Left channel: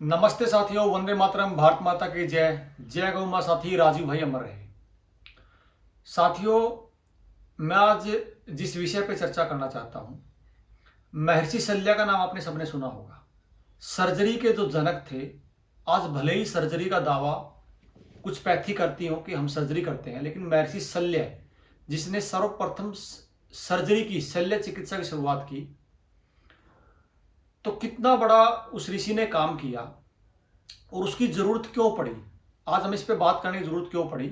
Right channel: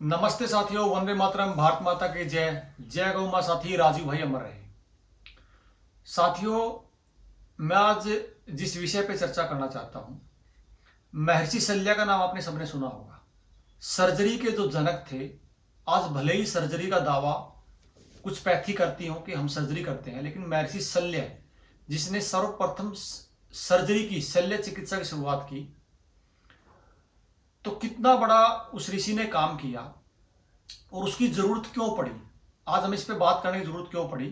नमस्ते साथियों, वंदे मातरम, भारत माता की जय। जय गौ मां। साथी राजीव भाई अमर रहे। साथियों, मैं आज जिस विषय पे चर्चा करना चाहता हूं, महर्षि शल्या का नाम आपने सबने सुना होगा। सर्जरी के जो जनक थे। आज भले ही सर्जरी का दावा कुछ पैथी करती हो कि हम सर्जरी करते हैं, लेकिन महर्षि शल्य जिसने सर्वप्रथम सर्जरी की, शल्य चिकित्सा की शुरुआत की, तो कितना बड़ा उस ऋषि ने काम किया और उसकी जरूरत क्यों पड़ी। आज हम इस पे बात करने की जरूरत क्यों पड़ी।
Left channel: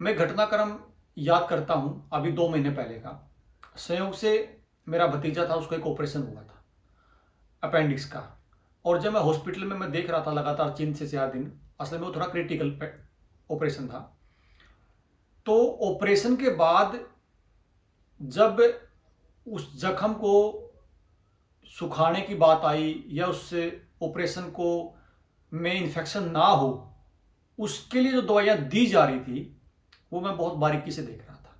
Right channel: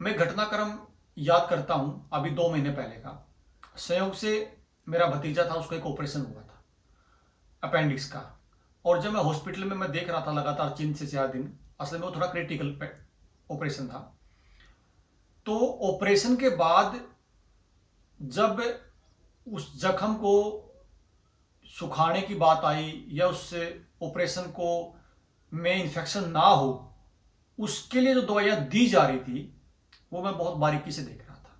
मैं घटनाक्रम याद करता हूं, अभी 2 महीने पहले का। संयोग से मेरा भतीजा था, उसको एक ऑपरेशन हुआ था अपेंडिक्स का। और जब मैं हॉस्पिटल में मैं देख रहा था लगातार 3 से 4 दिन, असल में वो थोड़ा क्रिटिकल ऑपरेशन था। तो ऑपरेशन के बाद जब उस जख्म को सुखाने की बात आई या उससे ऑपरेशन को में इन्फेक्शन ना हो, उसके लिए जो दवाइयां दी जा रही थी वो मैं बहुत बारीकी से देख रहा था।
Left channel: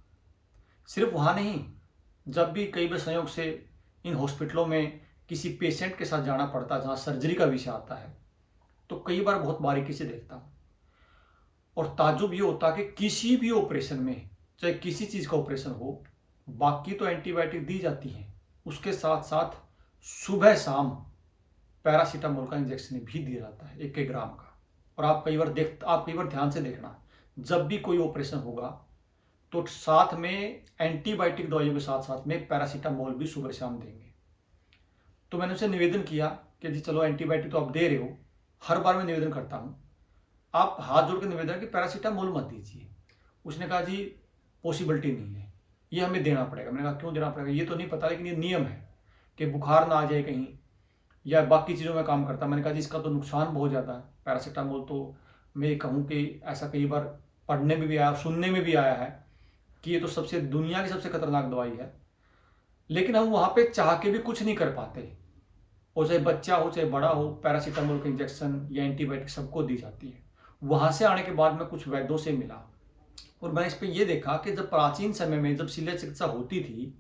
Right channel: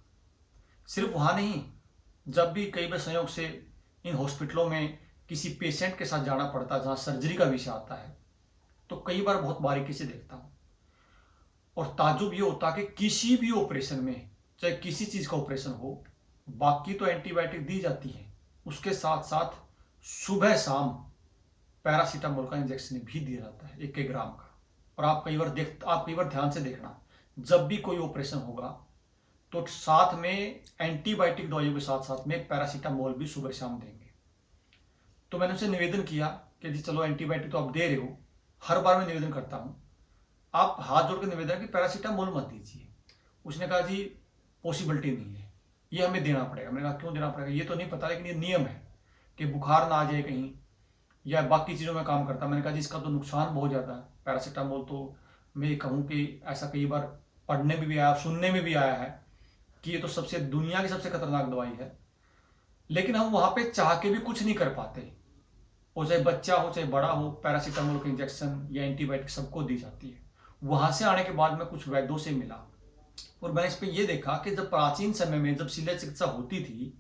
सिर्फ वहां नहीं, जब भी कई बार संयोग से इन हॉस्पिटलों में किसी पेशेंट के साथ जाना पड़ता जहां सर्जरी का विषय आता है, तो कई बार बहुत बारीकी से देखता हूं। और ताज्जुब ये होता कि किसी भी ऑपरेशन में, चाहे किसी चीज का ऑपरेशन हो, बाकी तो एंटीबायोटिक दी जाती है, उसके साथ साथ सुबह शाम पैरासीटामोल का इंजेक्शन भी दिया जाता है 1 1 ग्राम का। और आप कई बार ध्यान से देखना, जब भी कोई ऑपरेशन होगा तो साथ में एंटीबायोटिक दवाइयों के साथ साथ में पैरासीटामोल भी सुबह शाम देंगे। तो मैंने उनसे निवेदन किया कि जी चलो, एंटीबायोटिक तो आप दे रहे हो, हर बार मैं निवेदन करता हूं, आप हाथ जोड़ के निवेदन कि पैरासीटामोल मत दीजिए। उसने कहा जी पॉसिबिलिटी नहीं है, ये हमें देना पड़ेगा। मैंने कहा क्यों देना पड़ेगा, ये तो नहीं पता, लेकिन ये नियम है कि बुखार ना आ जाए कहीं या बाकी चीज़ों में काम करता। मैंने कहा जी इसका तो नुकसान बहुत ज़्यादा है पैरासीटामोल। तो मैं ये कहूँ कि ऐसा कई बार पढ़ने में भी आया, सुनने में भी आया है कि ये तो सबसे दुनिया की सबसे खतरनाक दवाई है। लेकिन हम वहां पे चाह के भी कुछ नहीं कर पाते। और चाहे बच्चा हो चाहे बड़ा हो, पैरासीटामोल का इंजेक्शन या एंटीबायोटिक सबको दी जाती है। वहां से आने के बाद मैं कुछ वैद्यों से मिला और मैंने इस पे ये देखा कि जब प्राचीन समय में जब शल्य चिकित्सा होती थी,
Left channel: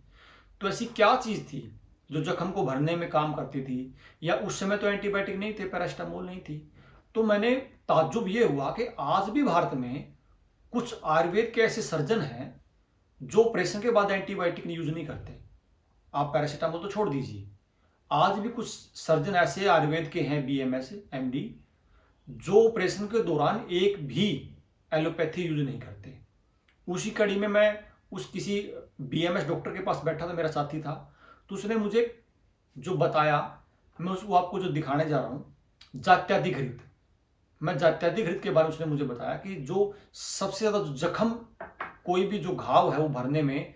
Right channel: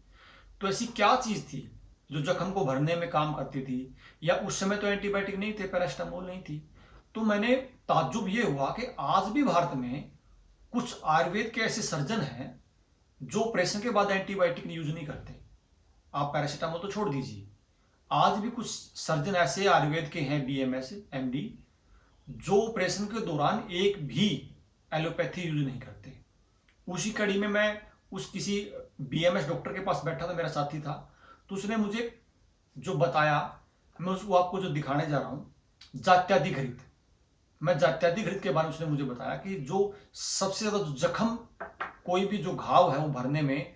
तो ऐसी क्या चीज थी जो जख्म को भरने में काम करती थी। या उस समय तो एंटीबायोटिक नहीं थे, पैरासीटामोल नहीं थी। तो मैंने ताज्जुब ये हुआ कि आज भी भारत में कुछ आयुर्वेद के ऐसे सर्जन हैं जो ऑपरेशन के बाद एंटीबायोटिक यूज नहीं करते। आप पैरासीटामोल तो छोड़ दीजिए, आज भी कुछ सर्जन ऐसे आयुर्वेद के हैं, बीएमएस एमडी, जो ऑपरेशन के दौरान एक भी एलोपैथी यूज नहीं करते। उसी कड़ी में मैं उस किसी बीएमएस डॉक्टर के पास बैठा था, मेरा साथी था, तो उसने मुझे जो बताया, मैं उसको आपको जो दिखाने जा रहा हूं, जात्यादिघृत। मैं जात्यादिघृत के बारे में उसने मुझे बताया कि जो सबसे ज्यादा जो जख्म, कोई भी जो घाव है वो भरने में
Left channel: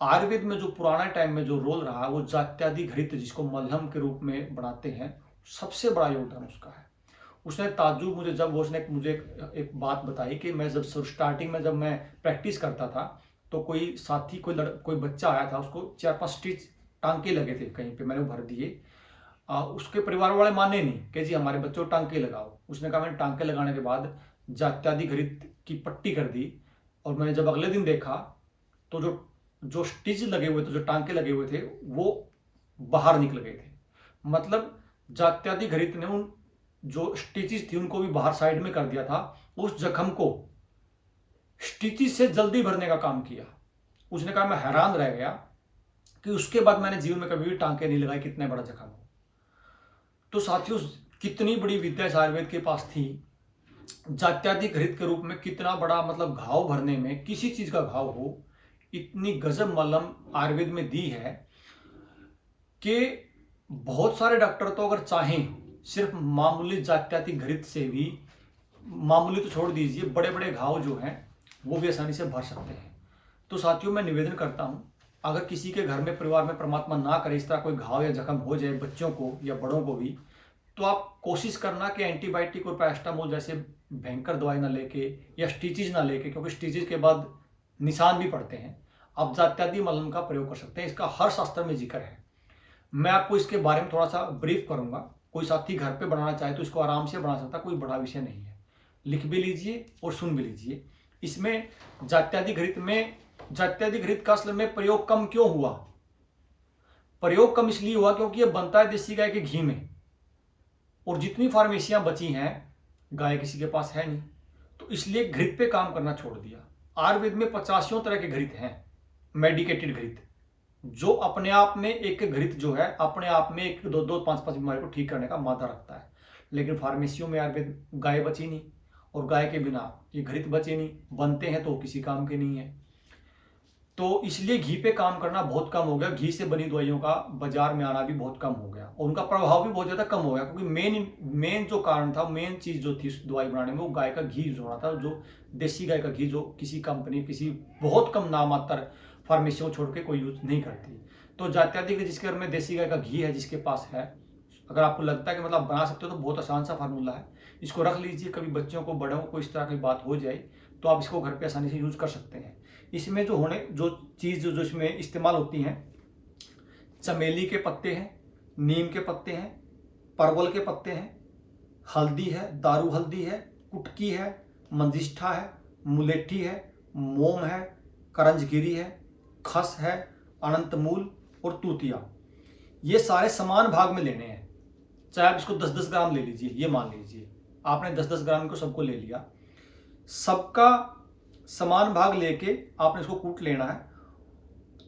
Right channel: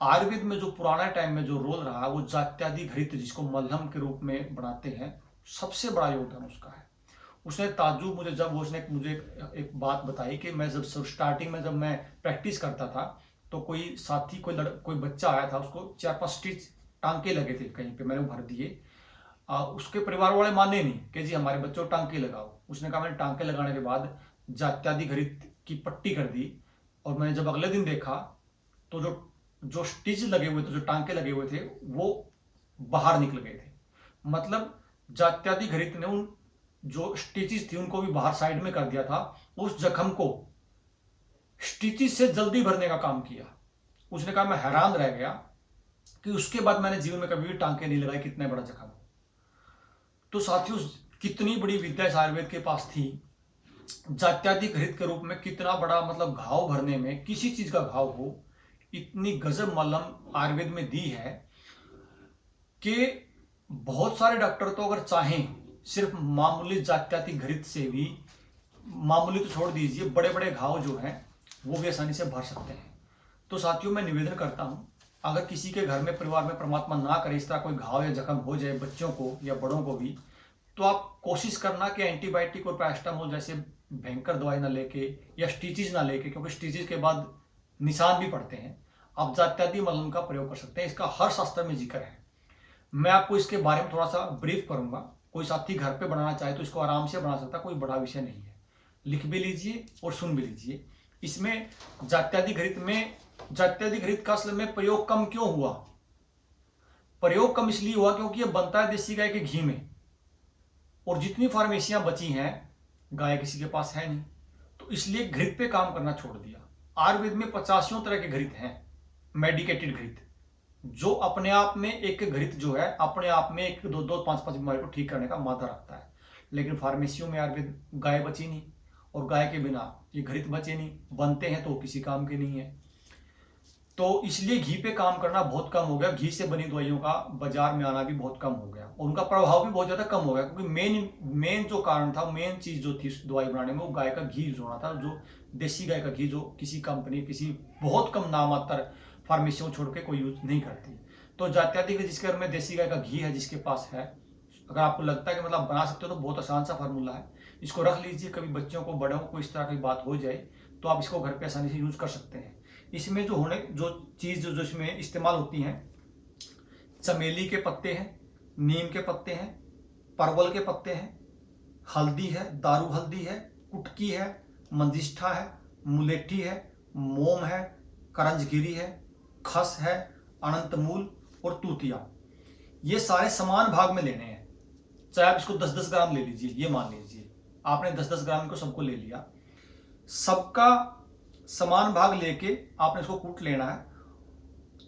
आयुर्वेद में जो पुराना टाइम में जो रोल रहा, वो जात्यादिघृत जिसको मलहम के रूप में बनाते हैं, सबसे बड़ा योगदान उसका है। उसने ताज्जुब मुझे जब वो उसने मुझे एक बात बताई कि मैं जब स्टार्टिंग में जब मैं प्रैक्टिस करता था, तो कोई साथी कोई बच्चा आया था, उसको 4 5 स्टिच टांके लगे थे कहीं पे, मैंने वो भर दिए। उसके परिवार वाले माने नहीं कि जी हमारे बच्चों को टांके लगाओ। उसने कहा, मैंने टांके लगाने के बाद जात्यादिघृत की पट्टी कर दी। और मैंने जब अगले दिन देखा तो जो जो स्टिच लगे हुए थे, जो टांके लगे हुए थे, वो बाहर निकल गए थे। मतलब जात्यादिघृत ने उन जो स्टिचेस थी उनको भी बाहर साइड में कर दिया था, उस जख्म को स्टिचेस से जल्दी भरने का काम किया। उसने कहा, मैं हैरान रह गया कि उसके बाद मैंने जीवन में कभी भी टांके नहीं लगाए, कितने बड़ा जख्म हो। तो साथियों, कितनी बड़ी विद्या इस आयुर्वेद के पास थी। जात्यादिघृत के रूप में कितना बड़ा, मतलब घाव भरने में, किसी चीज का घाव हो, इतनी गजब मलहम आयुर्वेद में दी है कि बहुत सारे डॉक्टर तो अगर चाहें, सिर्फ मामूली जात्यादिघृत से भी, मामूली तो छोड़ दीजिए, बड़े बड़े घाव जो हैं वो भी आसानी से भर सकते हैं। तो साथियों, मैं निवेदन करता हूं, अगर किसी के घर में, परिवार में, परमात्मा ना करे, इस तरह कोई घाव या जख्म हो जाए बच्चों को या बड़ों को भी, तो आप कोशिश करना कि एंटीबायोटिक और पैरासीटामोल जैसे भयंकर दवाई ना लेके या स्टिचेज ना लेके, क्योंकि स्टिचेज के बाद निशान भी पड़ते हैं, आप जात्यादि मलहम का प्रयोग कर सकते हैं। इसका हर शास्त्र में जिक्र है। मैं आपको इसके बारे में थोड़ा सा ब्रीफ करूंगा। कोई साथी घर पे बनाना चाहे तो इसको आराम से बना सकता, कोई बड़ा विषय नहीं है। लिख भी लीजिए और सुन भी लीजिए। इसमें जात्यादिघृत का असल में प्रयोग कम क्यों हुआ? प्रयोग कम इसलिए हुआ क्योंकि ये बनता है देसी गाय के घी में। और जितनी फार्मेसियां बची हैं गाय किसी के पास है नहीं, तो इसलिए घृत पे काम करना छोड़ दिया। आयुर्वेद में 85 तरह के घृत हैं, मेडिकेटेड घृत, जो अपने आप में एक घृत जो है अपने आप में एक दो दो पांच पांच बीमारी को ठीक करने का मादा रखता है। लेकिन फार्मेसियों में आयुर्वेद गाय बची नहीं, और गाय के बिना ये घृत बचे नहीं, बनते हैं तो किसी काम के नहीं है। तो इसलिए घी पे काम करना बहुत कम हो गया। घी से बनी दवाइयों का बाजार में आना भी बहुत कम हो गया, और उनका प्रभाव भी बहुत ज्यादा कम हो गया, क्योंकि मेन जो कारण था, मेन चीज जो थी दवाई बनाने में, वो गाय का घी यूज होना था, जो देसी गाय का घी, जो किसी कंपनी, किसी बहुत कम नामात्र फार्मेसियों छोड़ के कोई यूज नहीं करती। तो जात्याधिक जिसके घर में देसी गाय का घी है, जिसके पास है, अगर आपको लगता है कि मतलब बना सकते हो, तो बहुत आसान सा फार्मूला है, इसको रख लीजिए। कभी बच्चों को, बड़ों को इस तरह की बात हो जाए तो आप इसको घर पे आसानी से यूज कर सकते हैं। इसमें जो चीज जो इसमें इस्तेमाल होती हैं, चमेली के पत्ते हैं, नीम के पत्ते हैं, परवल के पत्ते हैं, हल्दी है, दारू हल्दी है, कुटकी है, मंजिष्ठा है, मुलेठी है, मोम है, करंजगिरी है, खस है, अनंतमूल और तूतिया। ये सारे समान भाग में लेने हैं। चाहे आप इसको 10-10 ग्राम ले लीजिए, ये मान लीजिए आपने 10-10 ग्राम को सबको ले लिया, सबका समान भाग लेके आपने इसको कूट लेना है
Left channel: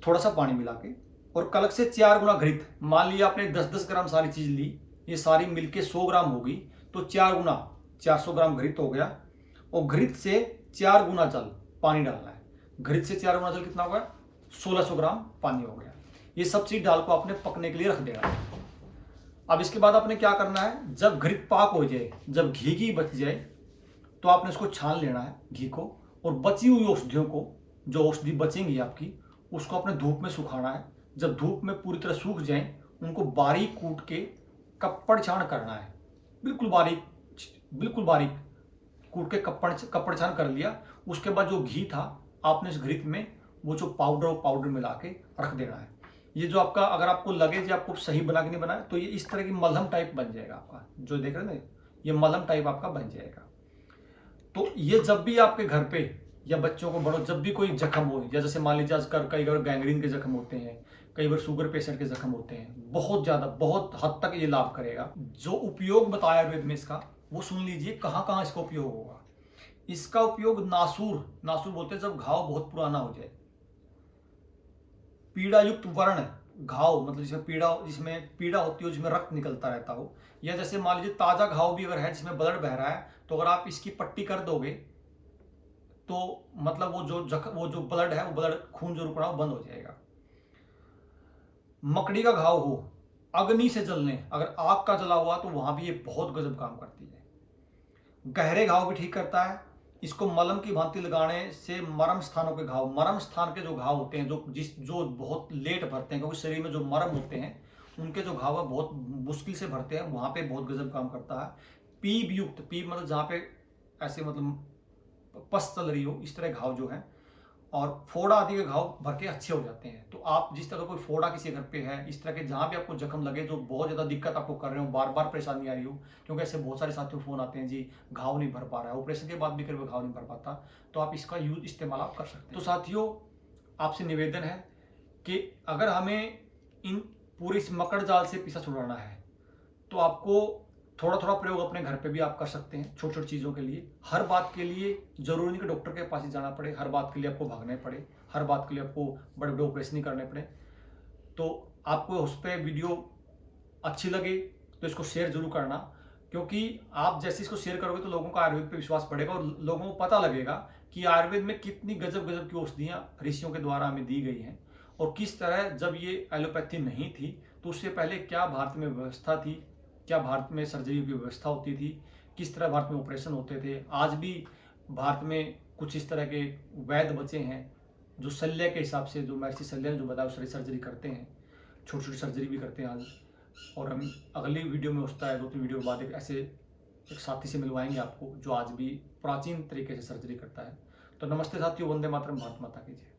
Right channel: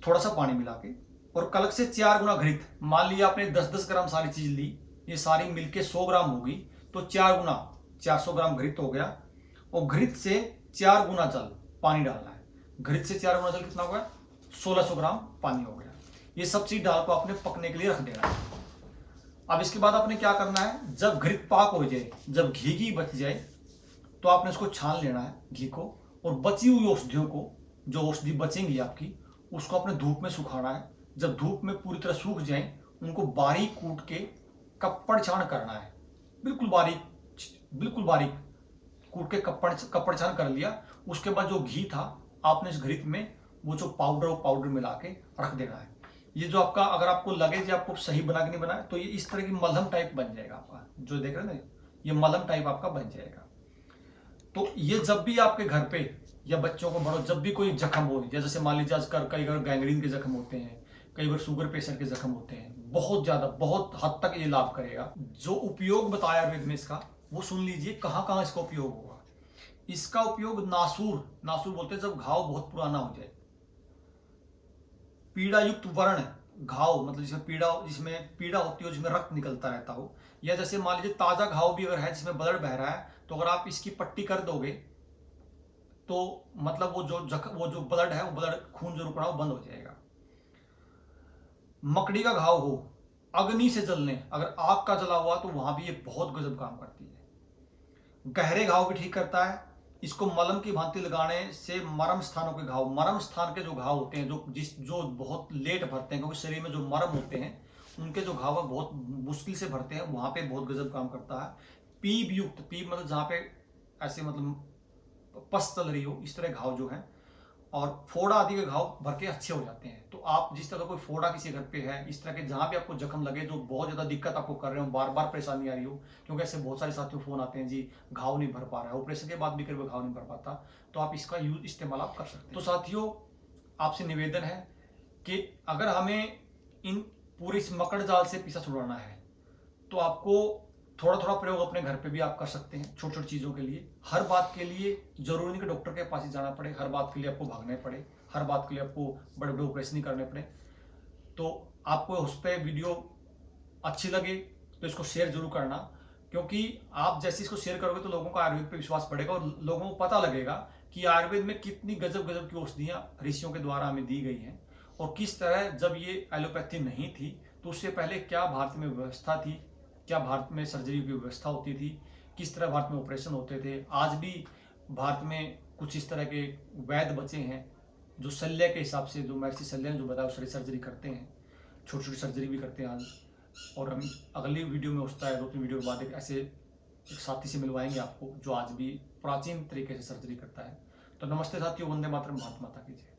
थोड़ा सा पानी मिला के, और कलक से 4 गुना घृत। मान लिया आपने 10-10 ग्राम सारी चीज ली, ये सारी मिलके 100 ग्राम होगी, तो 4 गुना 400 ग्राम घृत हो गया, और घृत से 4 गुना जल पानी डालना है। घृत से 4 गुना जल कितना हो गया? 1600 ग्राम पानी हो गया। ये सब चीज डाल को आपने पकने के लिए रख देना है। अब इसके बाद आपने क्या करना है, जब घृत पाक हो जाए, जब घी बच जाए, तो आपने इसको छान लेना है घी को, और बची हुई औषधियों को, जो औषधि बचेंगी आपकी, उसको अपने धूप में सुखाना है। जब धूप में पूरी तरह सूख जाए, उनको बारीक कूट के कप्पड़ छान करना है, बिल्कुल बारीक, बिल्कुल बारीक कूट के कप्पड़ छान कर लिया। उसके बाद जो घी था, आपने इस घृत में वो जो पाउडर मिला के रख देना है। ये जो आपका, अगर आपको लगे कि आपको सही बना के नहीं बनाया, तो ये इस तरह की मलहम टाइप बन जाएगा आपका, जो देख रहे हैं ना, ये मलहम टाइप आपका बन जाएगा। तो ये जब भी आपके घर पे या बच्चों को, बड़ों, जब भी कोई जख्म हो, या जैसे मान लीजिए आजकल कई बार गैंग्रीन के जख्म होते हैं, कई बार शुगर पेशेंट के जख्म होते हैं, बहुत ज्यादा, बहुत हद तक ये लाभ करेगा। जो उपयोग बताया आयुर्वेद में इसका, वो सुन लीजिए कहाँ कहाँ इसका उपयोग होगा। इसका उपयोग नासूर बोलते हैं, जब घाव बहुत पुराना हो जाए, पीड़ा युक्त वर्ण घाव, मतलब जिसमें पीड़ा होती हो, जिसमें रक्त निकलता रहता हो, या जैसे मान लीजिए ताजा घाव भी अगर है जिसमें ब्लड बह रहा है, तो अगर आप इसकी पट्टी कर दोगे, तो मतलब वो जो ब्लड है, वो ब्लड, खून जो रुक रहा है, वो बंद हो जाएगा। मकड़ी का घाव हो, अग्नि से जलने, अगर आग का जला हुआ, तो वहां भी ये बहुत गजब काम करती है। गहरे घाव भी ठीक करता है। इसको मलम की भांति लगाने से मरम स्थानों के घाव, मरम स्थान के जो घाव होते हैं, जो बहुत लेट भरते हैं, क्योंकि शरीर में जो मरम होते हैं, उनके जो घाव है बहुत मुश्किल से भरते हैं, वहां पे बहुत गजब काम करता है। पीप युक्त, पीप मतलब जहां पे ऐसे मतलब पस चल रही हो, इस तरह घाव जो है, और फोड़ा आदि के घाव भर के अच्छे हो जाते हैं। तो आप जिस तरह कोई फोड़ा किसी घर पे है, इस तरह के जहां भी आपको जख्म लगे, जो बहुत ज्यादा दिक्कत आपको कर रहे हो, बार बार परेशानी आ रही हो, क्योंकि ऐसे बहुत सारे साथियों फोन आते हैं, जी घाव नहीं भर पा रहा है, ऑपरेशन के बाद भी कभी घाव नहीं भर पाता, तो आप इसका इस्तेमाल आप कर सकते हैं। तो साथियों, आपसे निवेदन है कि अगर हमें इन पूरे इस मकड़ जाल से पीछा छुड़ाना है, तो आपको थोड़ा थोड़ा प्रयोग अपने घर पे भी आप कर सकते हैं, छोटी छोटी चीज़ों के लिए। हर बात के लिए जरूरी नहीं कि डॉक्टर के पास ही जाना पड़े, हर बात के लिए आपको भागना पड़े, हर बात के लिए आपको बड़े बड़े ऑपरेशन ही करने पड़े। तो आपको उस पर वीडियो अच्छी लगे तो इसको शेयर जरूर करना, क्योंकि आप जैसे इसको शेयर करोगे तो लोगों का आयुर्वेद पे विश्वास बढ़ेगा, और लोगों को पता लगेगा कि आयुर्वेद में कितनी गजब गजब की औषधियाँ ऋषियों के द्वारा हमें दी गई हैं, और किस तरह जब ये एलोपैथी नहीं थी, तो उससे पहले क्या भारत में व्यवस्था थी, क्या भारत में सर्जरी की व्यवस्था होती थी, किस तरह भारत में ऑपरेशन होते थे। आज भी भारत में कुछ इस तरह के वैद्य बचे हैं जो शल्य के हिसाब से, जो महर्षि शल्य ने जो बताया, उस सर्जरी करते हैं, छोटी छोटी सर्जरी भी करते हैं आज। और हम अगली वीडियो में होता है 2-3 वीडियो के बाद एक साथी से मिलवाएंगे आपको, जो आज भी प्राचीन तरीके से सर्जरी करता है। तो नमस्ते साथियों, वंदे मातरम, भारत माता की जय।